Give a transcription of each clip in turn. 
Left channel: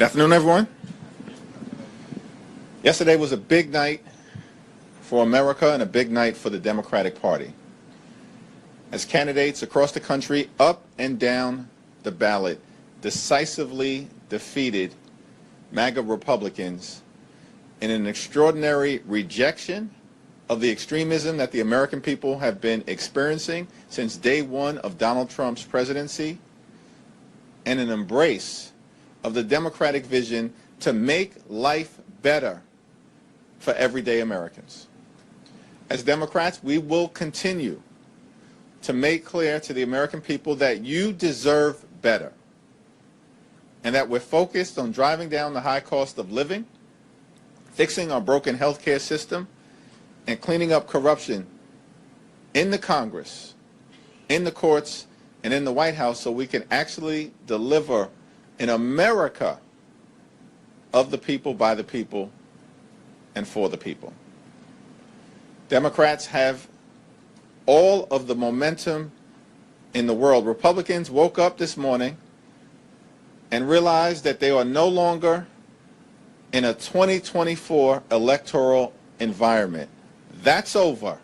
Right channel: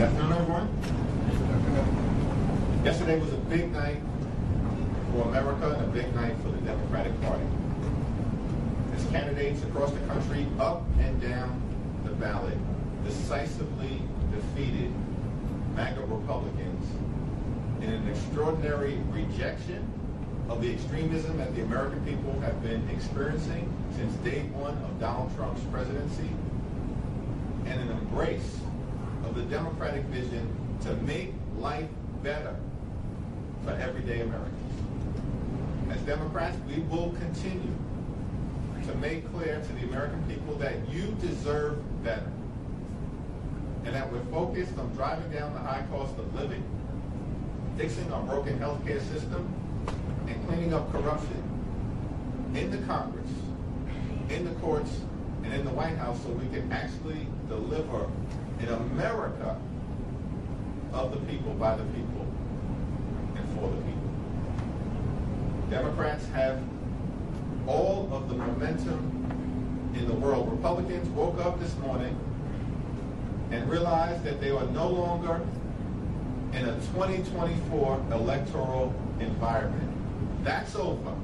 Good afternoon, everyone. Yesterday was a big night for America and a big night for the Democratic Party. As candidates across the country, up and down the ballot, decisively defeated MAGA Republicans in an extraordinary rejection of the extremism that the American people have been experiencing since day one of Donald Trump's presidency, and an embrace of the Democratic vision to make life better for everyday Americans. As Democrats, we will continue to make clear to the American people that you deserve better, and that we're focused on driving down the high cost of living, fixing our broken healthcare system, and cleaning up corruption in the Congress, in the courts, and in the White House, so we can actually deliver an America of the people, by the people, and for the people. Democrats have all of the momentum in the world. Republicans woke up this morning and realized that they are no longer in a 2024 electoral environment. That's over,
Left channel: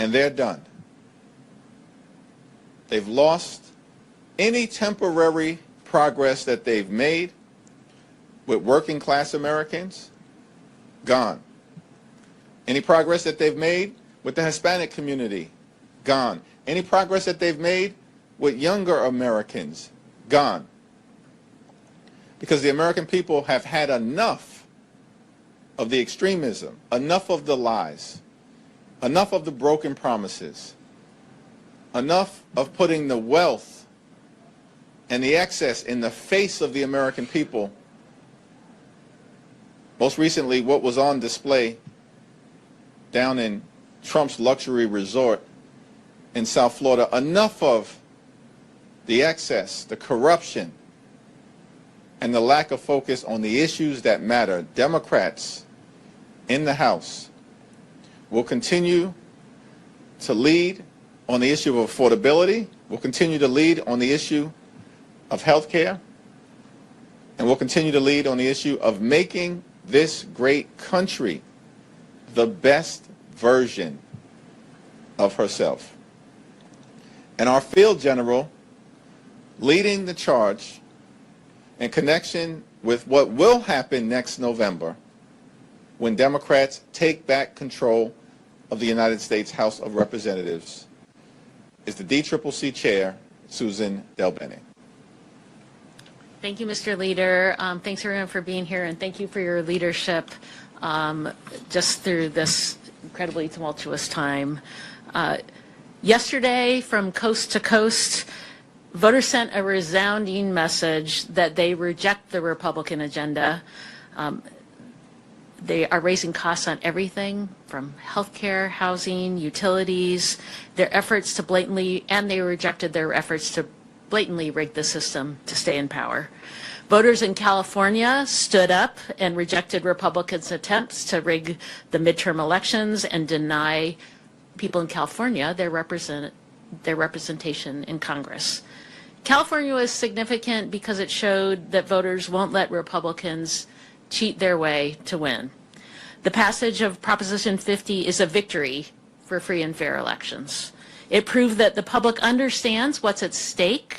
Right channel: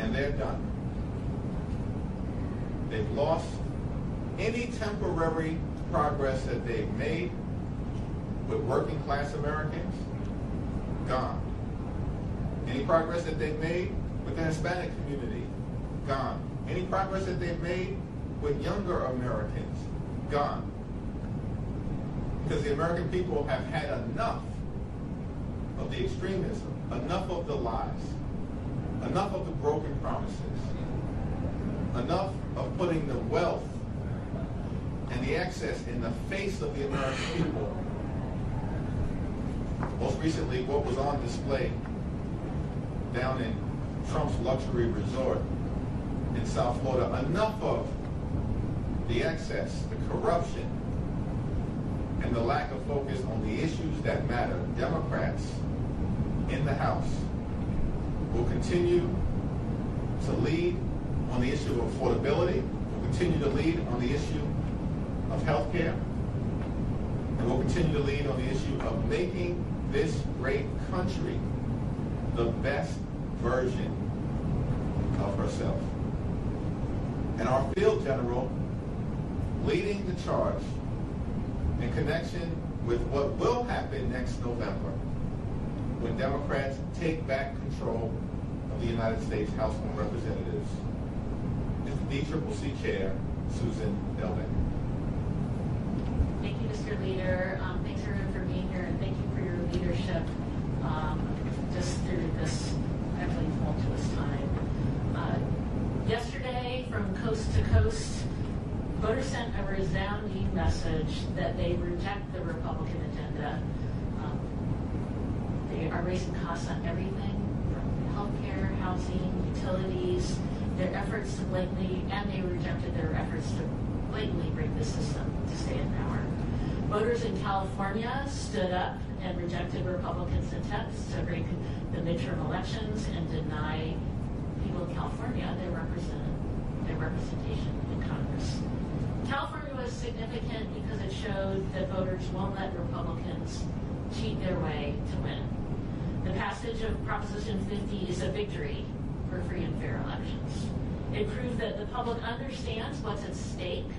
and they're done. They've lost any temporary progress that they've made with working class Americans. Gone. Any progress that they've made with the Hispanic community? Gone. Any progress that they've made with younger Americans? Gone. Because the American people have had enough of the extremism, enough of the lies, enough of the broken promises, enough of putting the wealth and the excess in the face of the American people. Most recently, what was on display down in Trump's luxury resort in South Florida, enough of the excess, the corruption, and the lack of focus on the issues that matter. Democrats in the House will continue to lead on the issue of affordability, will continue to lead on the issue of health care, and will continue to lead on the issue of making this great country the best version of herself. And our field general leading the charge in connection with what will happen next November when Democrats take back control of the United States House of Representatives is the DCCC chair, Susan DelBene. Thank you, Mr. Leader. Thanks everyone for being here, and thank you for your leadership just through this incredibly tumultuous time. Yesterday, from coast to coast, voters sent a resounding message that they reject the Republican agenda. They are raising costs on everything from healthcare, housing, utilities, their efforts to blatantly, and they rejected their efforts to blatantly rig the system to stay in power. Voters in California stood up and rejected Republicans' attempts to rig the midterm elections and deny people in California their representation in Congress. California was significant because it showed that voters won't let Republicans cheat their way to win. The passage of Proposition 50 is a victory for free and fair elections. It proved that the public understands what's at stake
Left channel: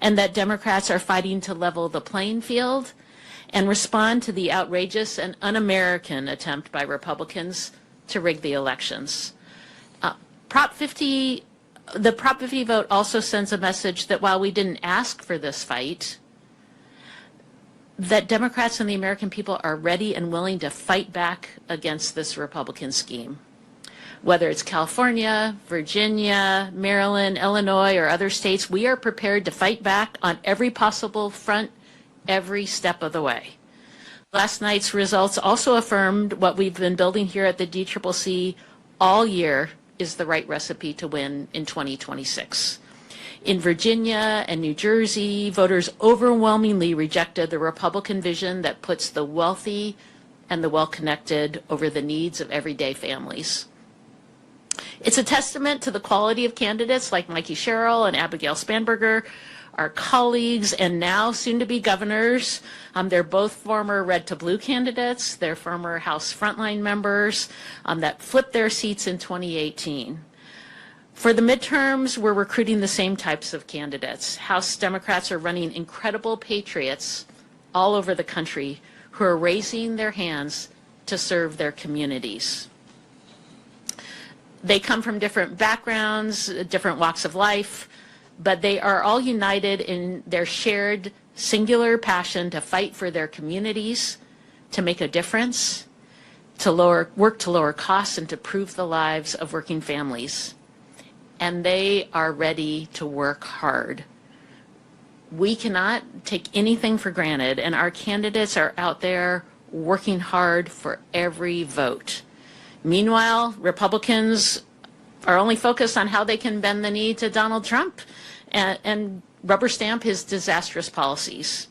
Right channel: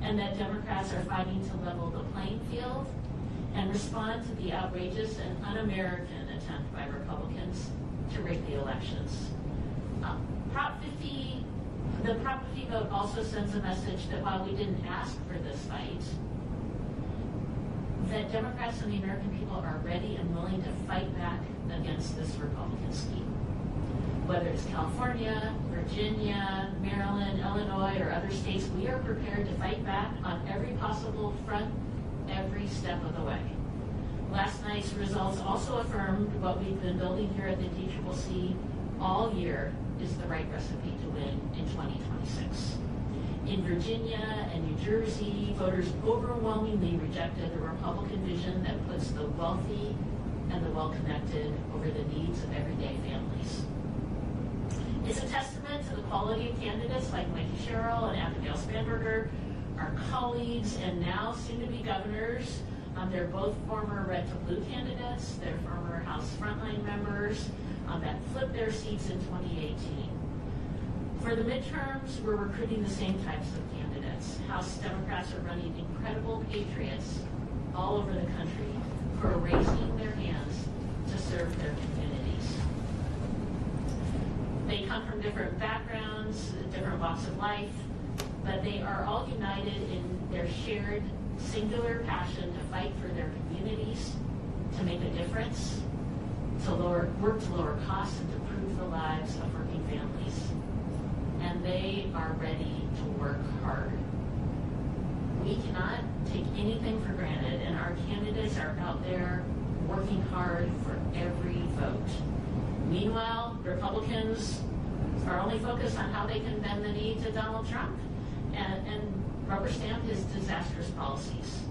and that Democrats are fighting to level the playing field and respond to the outrageous and un-American attempt by Republicans to rig the elections. The Prop 50 vote also sends a message that while we didn't ask for this fight, that Democrats and the American people are ready and willing to fight back against this Republican scheme. Whether it's California, Virginia, Maryland, Illinois, or other states, we are prepared to fight back on every possible front, every step of the way. Last night's results also affirmed what we've been building here at the DCCC all year is the right recipe to win in 2026. In Virginia and New Jersey, voters overwhelmingly rejected the Republican vision that puts the wealthy and the well-connected over the needs of everyday families. It's a testament to the quality of candidates like Mikey Sherrill and Abigail Spanberger, our colleagues and now soon-to-be governors. They're both former red to blue candidates. They're former House frontline members that flipped their seats in 2018. For the midterms, we're recruiting the same types of candidates. House Democrats are running incredible patriots all over the country who are raising their hands to serve their communities. They come from different backgrounds, different walks of life, but they are all united in their shared singular passion to fight for their communities, to make a difference, to work to lower costs and to improve the lives of working families. And they are ready to work hard. We cannot take anything for granted, and our candidates are out there working hard for every vote. Meanwhile, Republicans are only focused on how they can bend the knee to Donald Trump and rubber stamp his disastrous policies.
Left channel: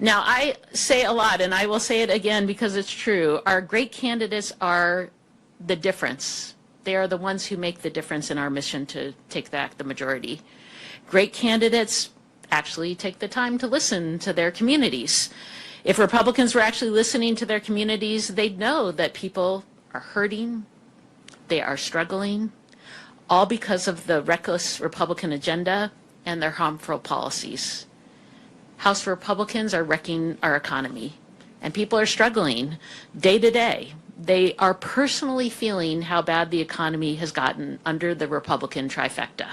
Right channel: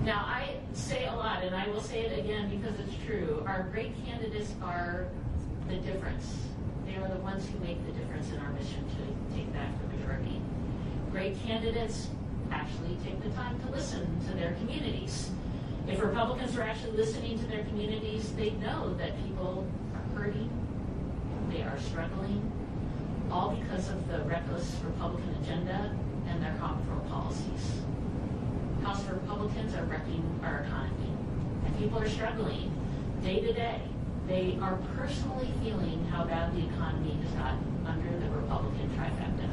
Now, I say a lot, and I will say it again because it's true. Our great candidates are the difference. They are the ones who make the difference in our mission to take back the majority. Great candidates actually take the time to listen to their communities. If Republicans were actually listening to their communities, they'd know that people are hurting, they are struggling, all because of the reckless Republican agenda and their harmful policies. House Republicans are wrecking our economy, and people are struggling day to day. They are personally feeling how bad the economy has gotten under the Republican trifecta.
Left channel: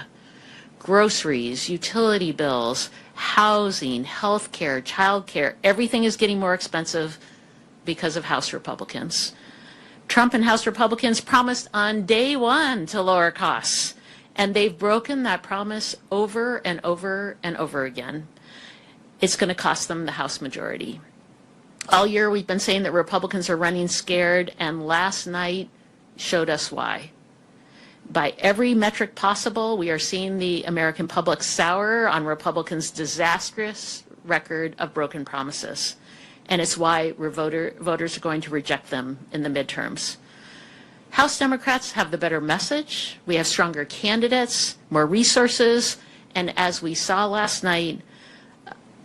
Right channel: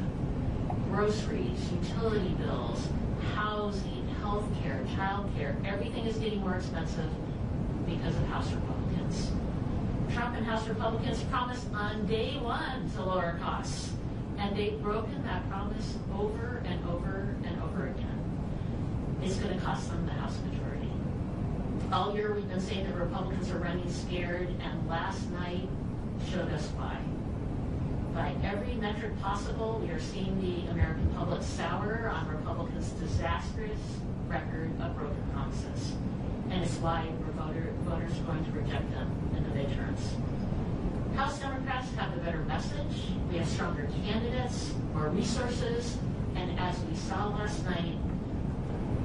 Groceries, utility bills, housing, health care, child care, everything is getting more expensive because of House Republicans. Trump and House Republicans promised on day one to lower costs, and they've broken that promise over and over and over again. It's going to cost them the House majority. All year we've been saying that Republicans are running scared, and last night showed us why. By every metric possible, we are seeing the American public sour on Republicans' disastrous record of broken promises. And it's why voters are going to reject them in the midterms. House Democrats have the better message. We have stronger candidates, more resources, and as we saw last night,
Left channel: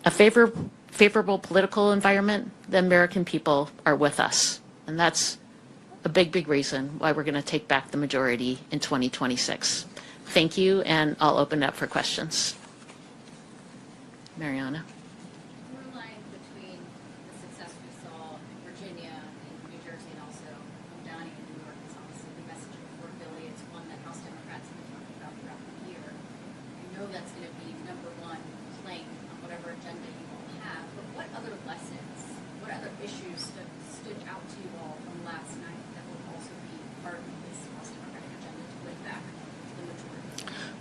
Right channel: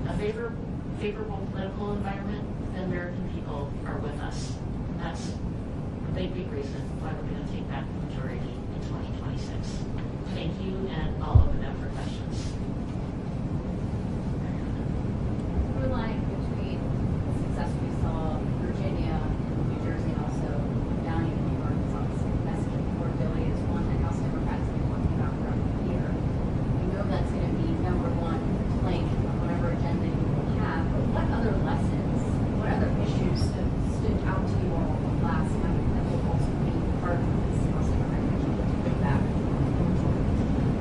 a favorable political environment. The American people are with us. And that's a big, big reason why we're going to take back the majority in 2026. Thank you, and I'll open it up for questions. Mariana. Through line between the success we saw in Virginia and New Jersey and also down in New York is obviously the message of affordability is one that House Democrats have been working about throughout the year. We know that's going to be number one plank on whatever agenda you will have, but what other lessons, what other issues stood out to you all last night that will also be part of this House Democratic agenda to bring back?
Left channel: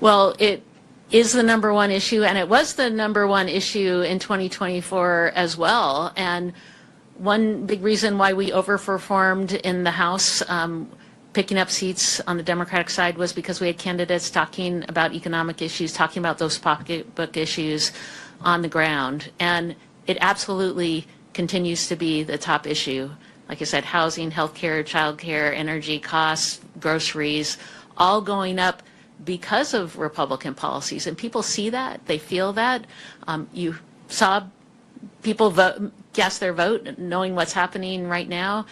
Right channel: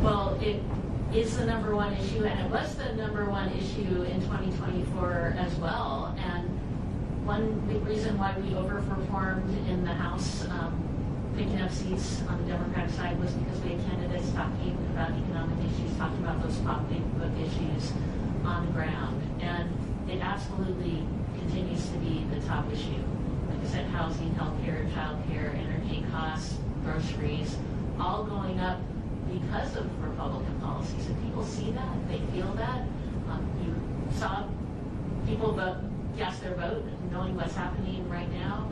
Well, it is the number one issue, and it was the number one issue in 2024 as well. And one big reason why we overperformed in the House, picking up seats on the Democratic side, was because we had candidates talking about economic issues, talking about those pocketbook issues on the ground. And it absolutely continues to be the top issue. Like I said, housing, healthcare, childcare, energy costs, groceries, all going up because of Republican policies. And people see that, they feel that. You saw people cast their vote knowing what's happening right now.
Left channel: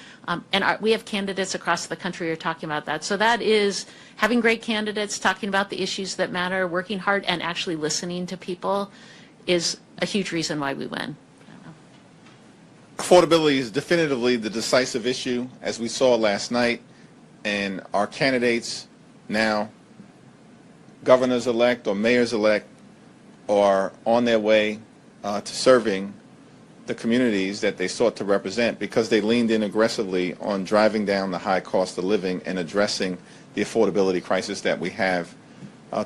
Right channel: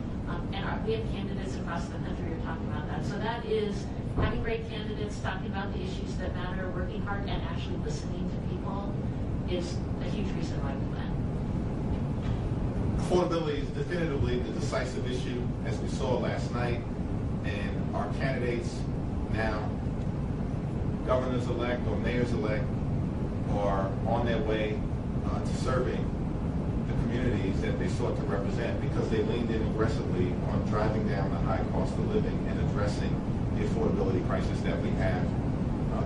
We have candidates across the country who are talking about that. So that is having great candidates talking about the issues that matter, working hard, and actually listening to people is a huge reason why we win. Affordability is definitively the decisive issue, as we saw last night, and our candidates now, governors-elect or mayors-elect, are on their way to serving the communities that they sought to represent, because they leaned in aggressively on driving down the high cost of living and addressing the affordability crisis that we have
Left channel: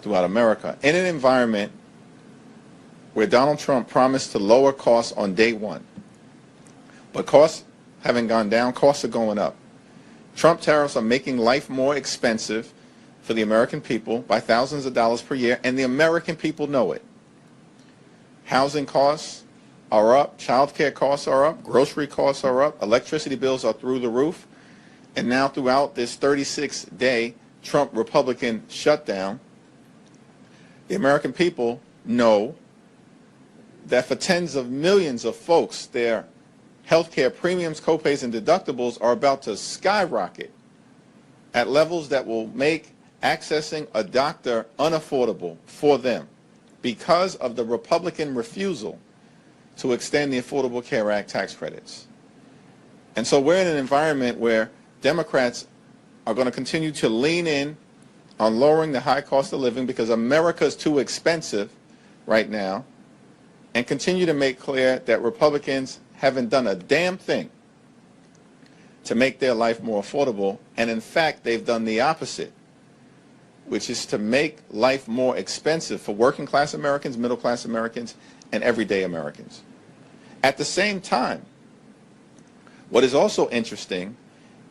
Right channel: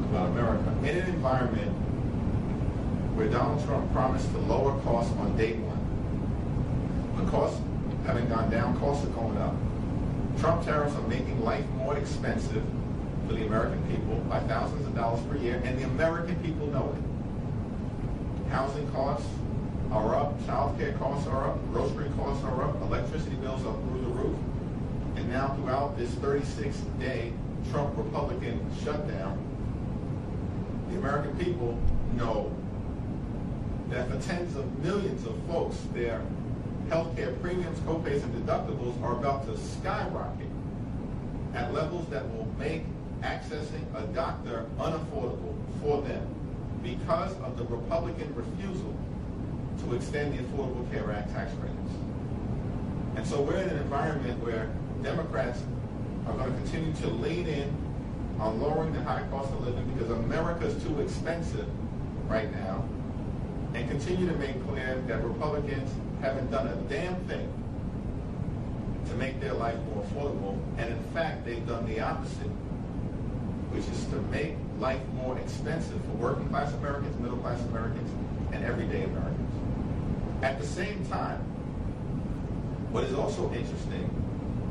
throughout America. In an environment where Donald Trump promised to lower costs on day one, but costs haven't gone down, costs are going up. Trump tariffs are making life more expensive for the American people by thousands of dollars per year, and the American people know it. Housing costs are up, child care costs are up, grocery costs are up, electricity bills are through the roof, and now throughout this 36-day Trump Republican shutdown, the American people know that for tens of millions of folks, their healthcare premiums, copays, and deductibles are about to skyrocket at levels that will make accessing a doctor unaffordable for them because of the Republican refusal to extend the Affordable Care Act tax credits. And so we're in an environment where Democrats are going to continue to lean in on lowering the high cost of living because America is too expensive right now, and continue to make clear that Republicans haven't done a damn thing to make their life more affordable. And in fact, they've done the opposite, which is to make life more expensive for working class Americans, middle class Americans, and everyday Americans. At the same time, what is also interesting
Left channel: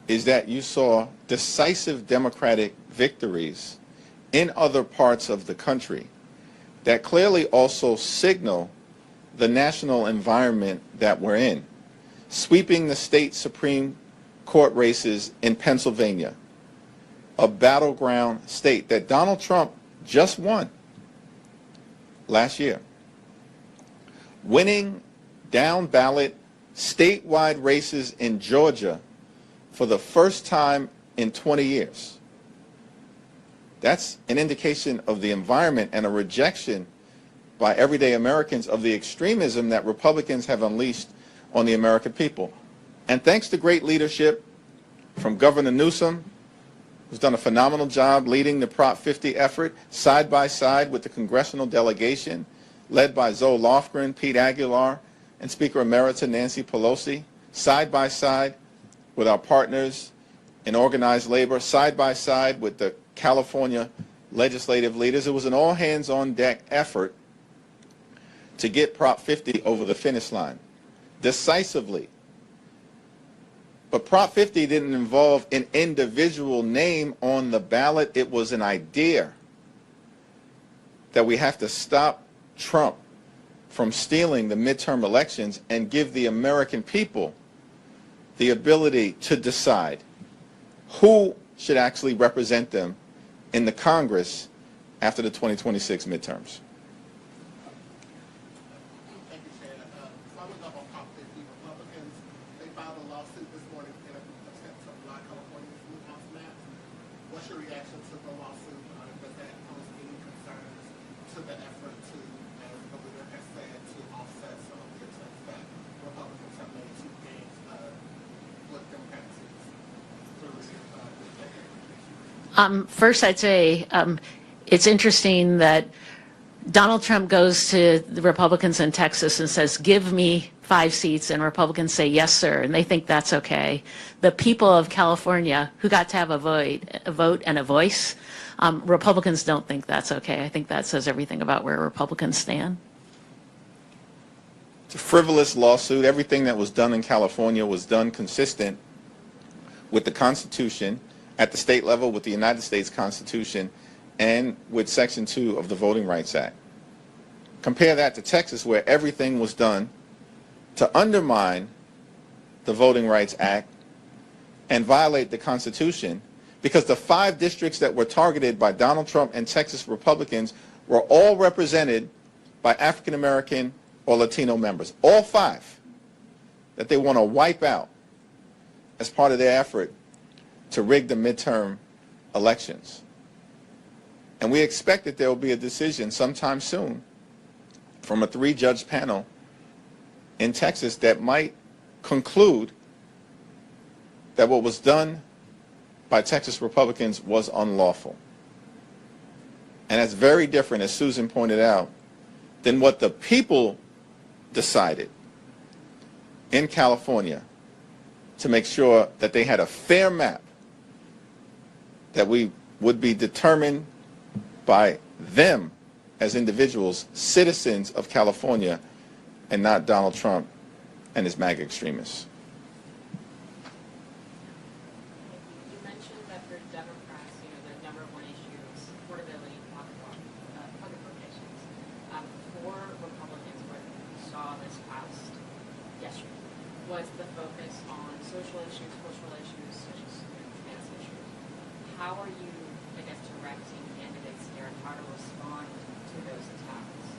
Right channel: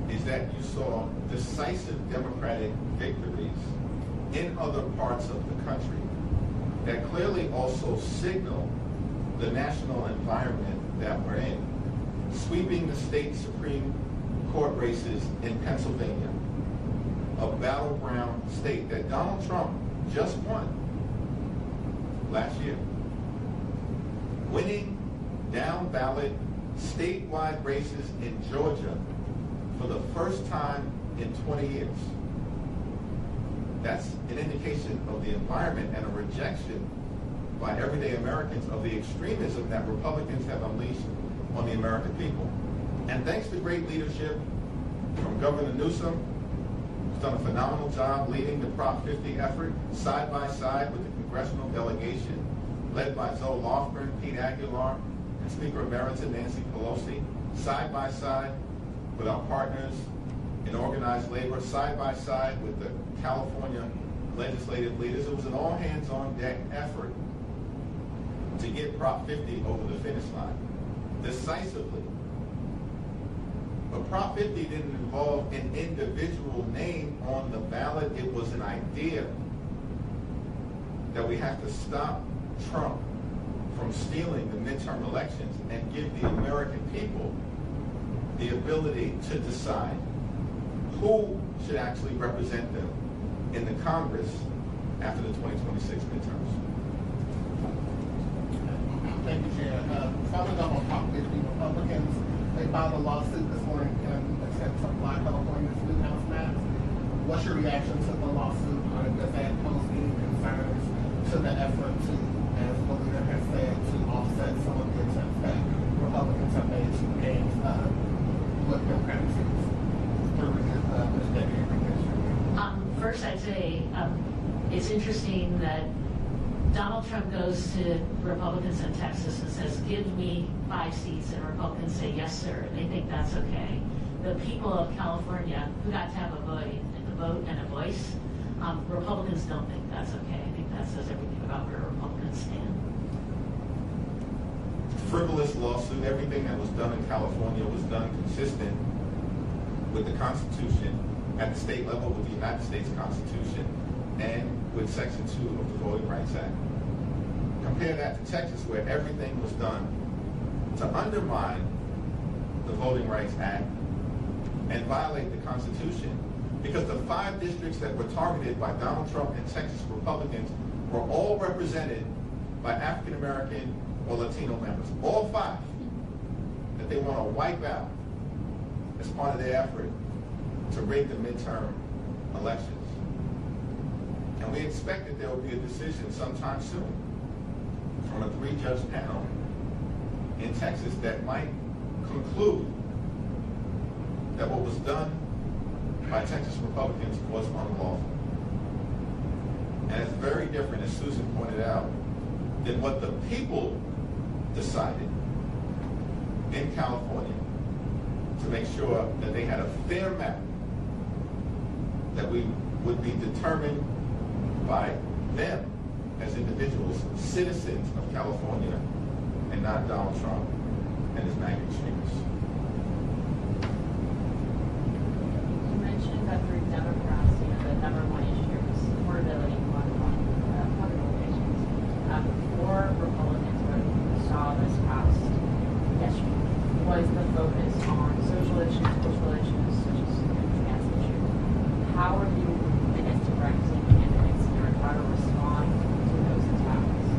is that you saw decisive Democratic victories in other parts of the country that clearly also signal the national environment that we're in. Sweeping the state Supreme Court races in Pennsylvania, a battleground state that Donald Trump just won last year. Winning down ballot statewide races in Georgia for the first time in 20 years. That's an indication of the environment and a rejection by everyday Americans of the extremism that Republicans have unleashed on the American people. And thanks to great leadership from Governor Newsom, who's done a phenomenal job leading the Prop 50 effort side by side with the congressional delegation led by Zoe Lofgren, Pete Aguilar, and Speaker Emerita Nancy Pelosi, side by side with our partners in organized labor, side by side with the California legislative leaders. It was an all-hands-on-deck effort to get Prop 50 over the finish line decisively. But Prop 50 didn't involve an individual name on the ballot. It was an idea that we have to stop Trump from stealing the midterm elections and give the American people the ability to decide who should actually represent them in the Congress after the 2026 midterms. Thank you, Chair. Following up on Prop 50, Republicans, they filed a lawsuit this morning in an attempt to block California's greenhouse map. What's your reaction to the lawsuit? Does that pose any concerns to the effort to, as the leader has said, to offset some of the attempts that Republicans have made to gain what Democrats see? First, I'd say it's interesting that Donald Trump goes to the Republicans in Texas and says, give me 5 seats, and Republicans say, yes, sir, and they think that's okay. The people of California, who got to have a vote and a voice, Republicans don't think that's okay. I think that says everything about where Republicans stand. It's a frivolous lawsuit. Everything that was done in California was done consistent with the Constitution at the state level, with the United States Constitution, and with Section 2 of the Voting Rights Act. Compare that to Texas, where everything was done to undermine the Voting Rights Act and violate the Constitution, because the 5 districts that were targeted by Donald Trump and Texas Republicans were all represented by African American or Latino members. All 5 that they want to wipe out as part of their effort to rig the midterm elections. And we expect that there will be a decision sometime soon from a 3-judge panel in Texas that might conclude that what was done by Texas Republicans was unlawful. And that's very different, as Susan pointed out, than what the people decided in California to make sure that they had a fair map that we would be determined by them as individuals, citizens of California, and not Donald Trump and his MAGA extremists. You mentioned that for Democrats, the number one issue is affordability and funding limitations. For Republicans, what we saw this past yesterday was the focus on social issues, cultural issues, such as trans issues. How are you, against directing candidates here, how to respond to those attacks?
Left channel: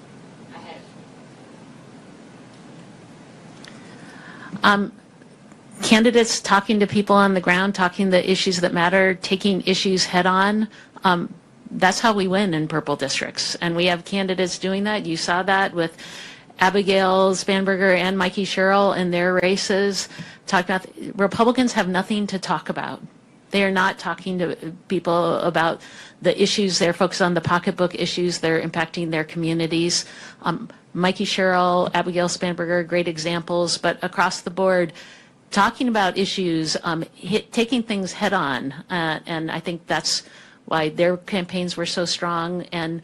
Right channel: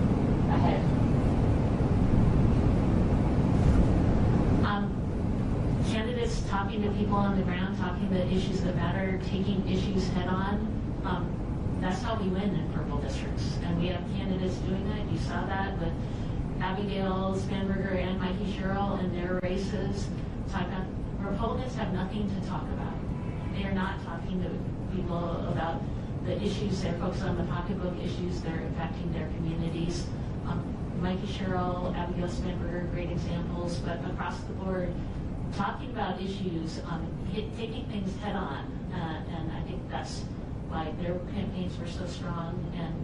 Candidates talking to people on the ground, talking the issues that matter, taking issues head on. That's how we win in purple districts. And we have candidates doing that. You saw that with Abigail Spanberger and Mikey Sherrill in their races. Republicans have nothing to talk about. They are not talking to people about the issues. They're focused on the pocketbook issues that are impacting their communities. Mikey Sherrill, Abigail Spanberger, great examples, but across the board, talking about issues, taking things head on, and I think that's why their campaigns were so strong. And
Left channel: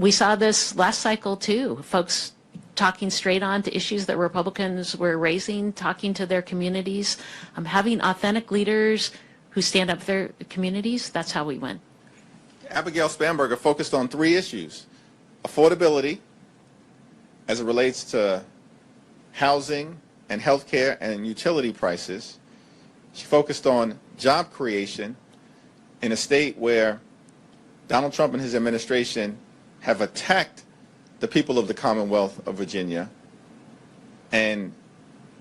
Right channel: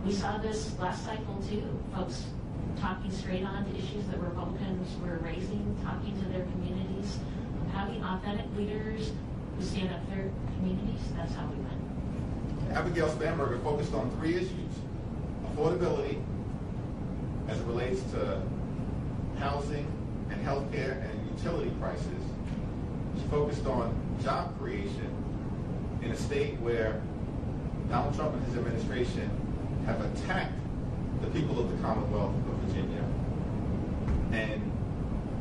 we saw this last cycle too, folks talking straight on to issues that Republicans were raising, talking to their communities, having authentic leaders who stand up for their communities. That's how we win. Abigail Spanberger focused on 3 issues: affordability as it relates to housing and healthcare and utility prices. She focused on job creation in a state where Donald Trump and his administration have attacked the people of the Commonwealth of Virginia and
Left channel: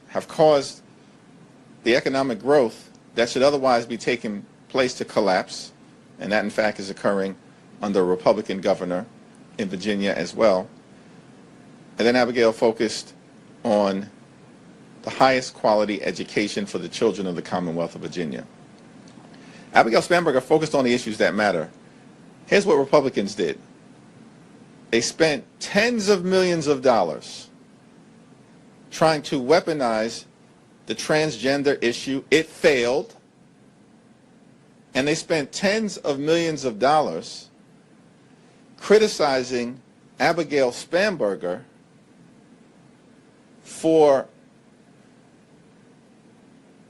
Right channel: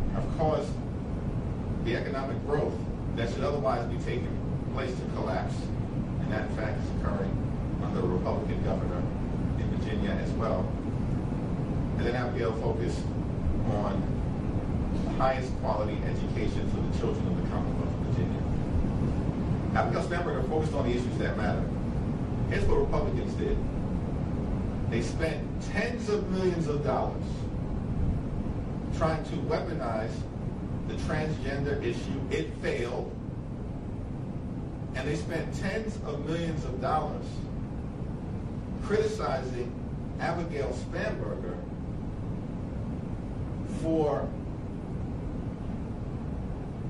have caused the economic growth that should otherwise be taking place to collapse, and that in fact is occurring under a Republican governor in Virginia as well. And then Abigail focused on the highest quality education for the children of the Commonwealth of Virginia. Abigail Spanberger focused on the issues that matter. Here's what Republicans did. They spent tens of millions of dollars trying to weaponize the transgender issue. It failed. And they spent tens of millions of dollars criticizing Abigail Spanberger for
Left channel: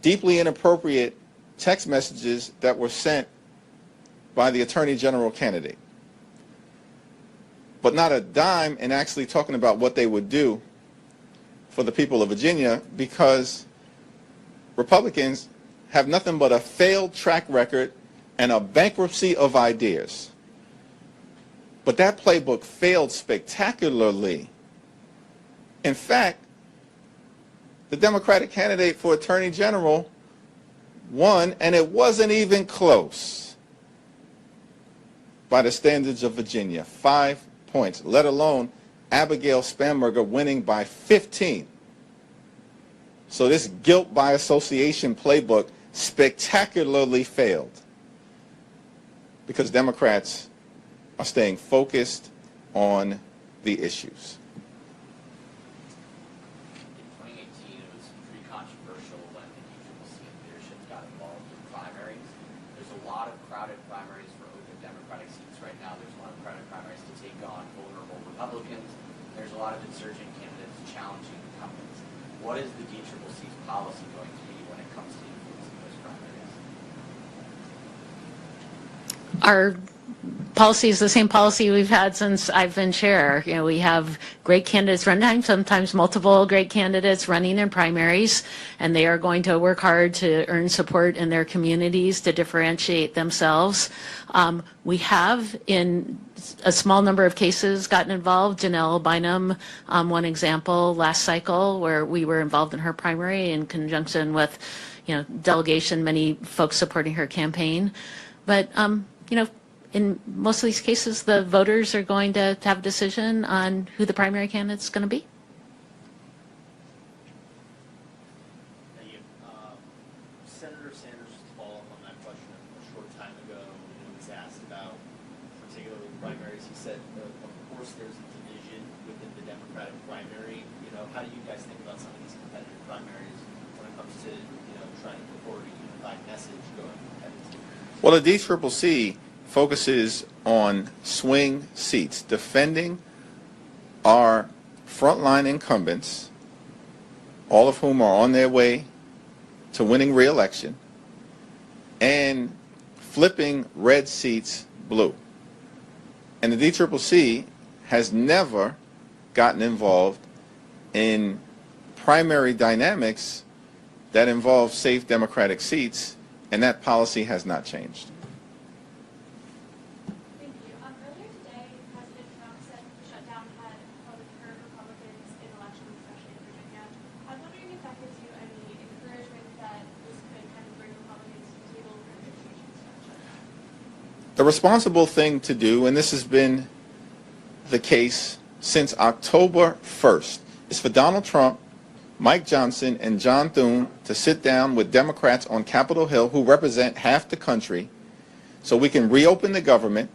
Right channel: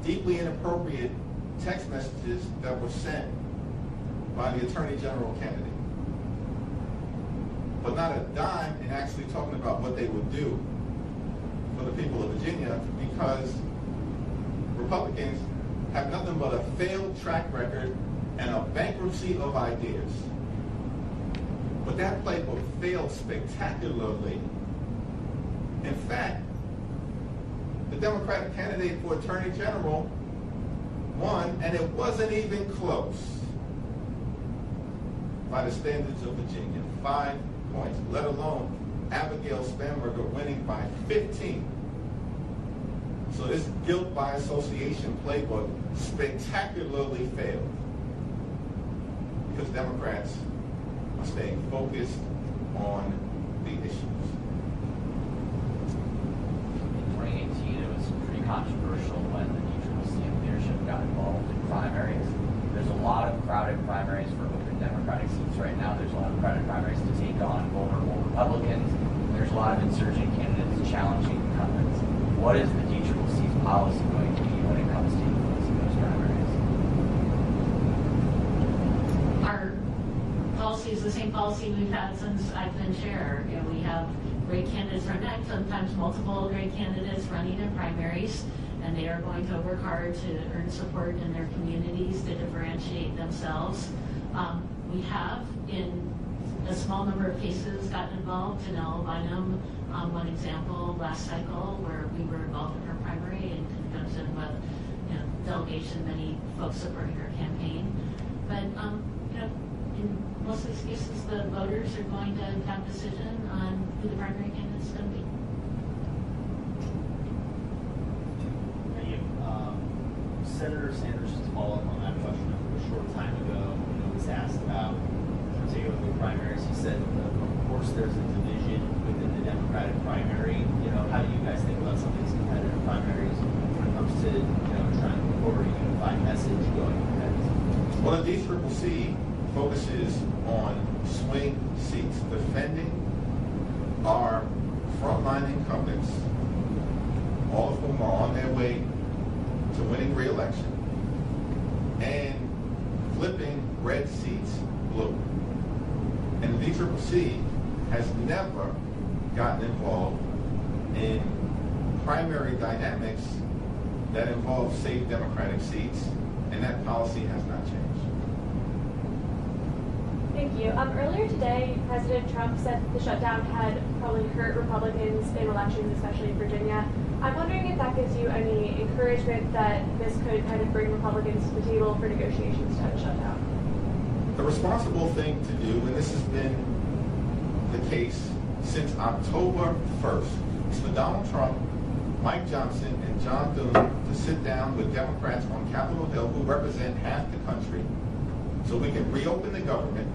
deeply inappropriate text messages that were sent by the Attorney General candidate, but not a dime in actually talking about what they would do for the people of Virginia, because Republicans have nothing but a failed track record and a bankruptcy of ideas. But that playbook failed spectacularly. In fact, the Democratic candidate for Attorney General won, and it wasn't even close by the standards of Virginia. 5 points, let alone Abigail Spanberger winning by 15. So this guilt by association playbook spectacularly failed because Democrats are staying focused on the issues. In 2018, it was pretty controversial when the DCCC leadership got involved in primaries. There's a lot of crowded primaries for open Democratic seats right now. There's a lot of crowded primaries to take on vulnerable Republicans. There's a lot of insurgent candidates challenging incumbents. What is the DCCC's policy going to be when it comes to influencing those primaries? Our policy is the same policy we've had since I've been chair. You know, we have great candidates running, sometimes multiple great candidates running in primaries, and they are going to work hard to earn support in their communities to differentiate themselves. We have, in a small number of cases, gotten involved. Janelle Bynum, one example last cycle, where we were involved in her primary in conjunction with, you know, delegation, many folks supporting her campaign. But you know, in most of these cases, the voters are going to have a decision on who the primary candidate is going to be. Senator Sanders just followed up on that question a short time ago when he was asked about particularly primaries. He said, of course, there's a division within the Democratic primary. You know, how do you guys think about some of these competitive primaries when it comes to, you know, trying to forward a unified message going ahead? Well, the DCCC focuses on swing seats, defending our frontline incumbents, all of whom are on their way to winning re-election, and flipping red seats blue. And the DCCC has never gotten involved in primary dynamics that involve safe Democratic seats, and that policy has not changed. Thank you. Earlier today, President Trump said the shutdown had probably hurt Republicans in elections, especially in Virginia. I'm wondering if that gives you any encouragement that this could kind of bring Republicans to the table for negotiations to end shutdown. The responsible thing to do, and this has been the case since October 1st, is for Donald Trump, Mike Johnson, and John Thune to sit down with Democrats on Capitol Hill who represent half the country so we can reopen the government,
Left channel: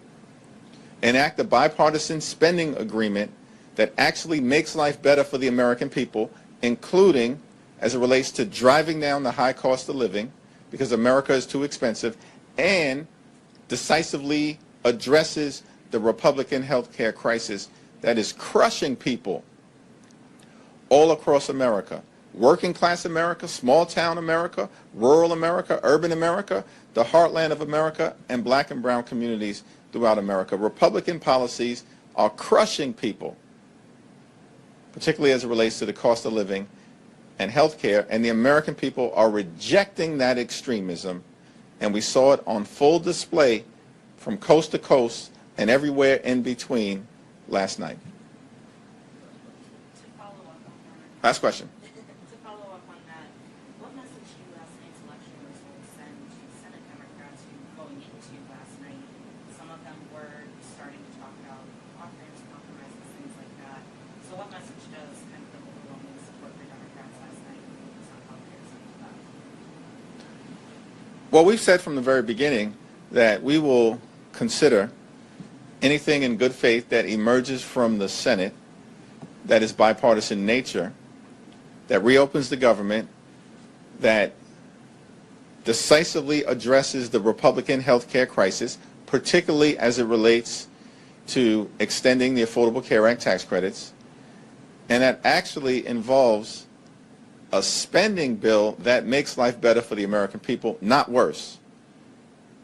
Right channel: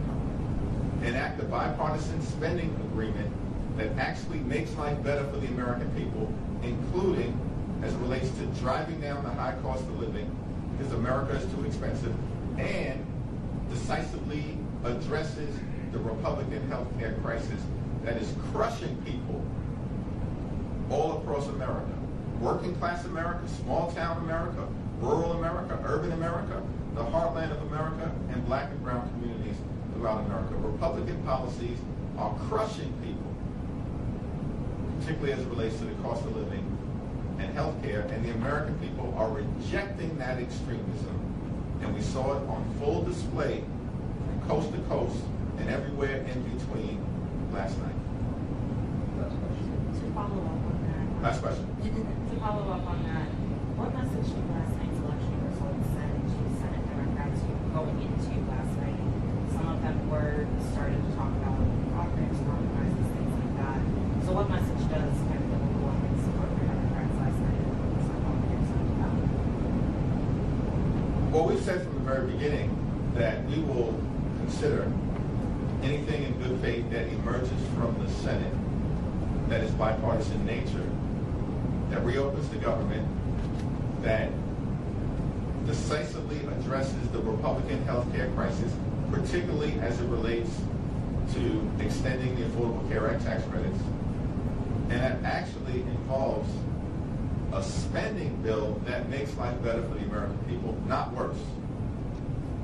enact a bipartisan spending agreement that actually makes life better for the American people, including as it relates to driving down the high cost of living because America is too expensive, and decisively addresses the Republican health care crisis that is crushing people all across America. Working class America, small town America, rural America, urban America, the heartland of America, and black and brown communities throughout America. Republican policies are crushing people, particularly as it relates to the cost of living and health care, and the American people are rejecting that extremism, and we saw it on full display from coast to coast and everywhere in between last night. To follow up on that. Last question. To follow up on that, what message did last night's election results send to Senate Democrats going into last night? Some of them were starting to talk about off-ramps, compromises, things like that. So what message does kind of the overwhelming support for Democrats last night send about? Well, we've said from the very beginning that we will consider anything in good faith that emerges from the Senate that is bipartisan nature, that reopens the government, that decisively addresses the Republican health care crisis, particularly as it relates to extending the Affordable Care Act tax credits, and that actually involves a spending bill that makes life better for the American people, not worse,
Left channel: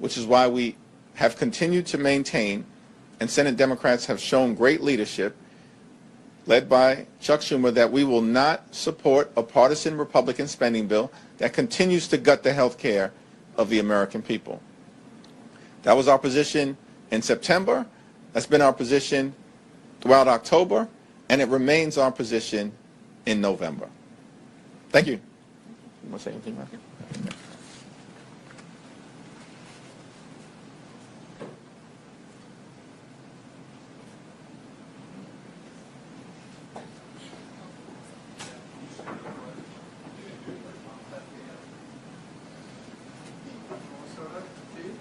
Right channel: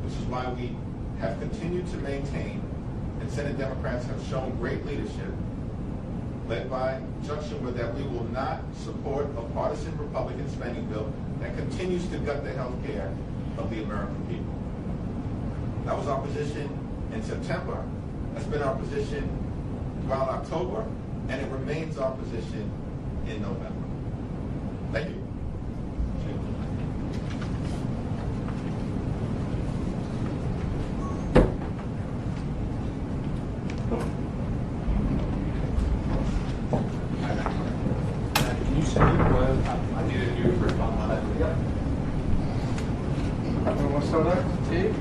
which is why we have continued to maintain, and Senate Democrats have shown great leadership, led by Chuck Schumer, that we will not support a partisan Republican spending bill that continues to gut the health care of the American people. That was our position in September. That's been our position throughout October, and it remains our position in November. Thank you. One second. Can you say what I needed to do for fun? Everyone start up? Steve?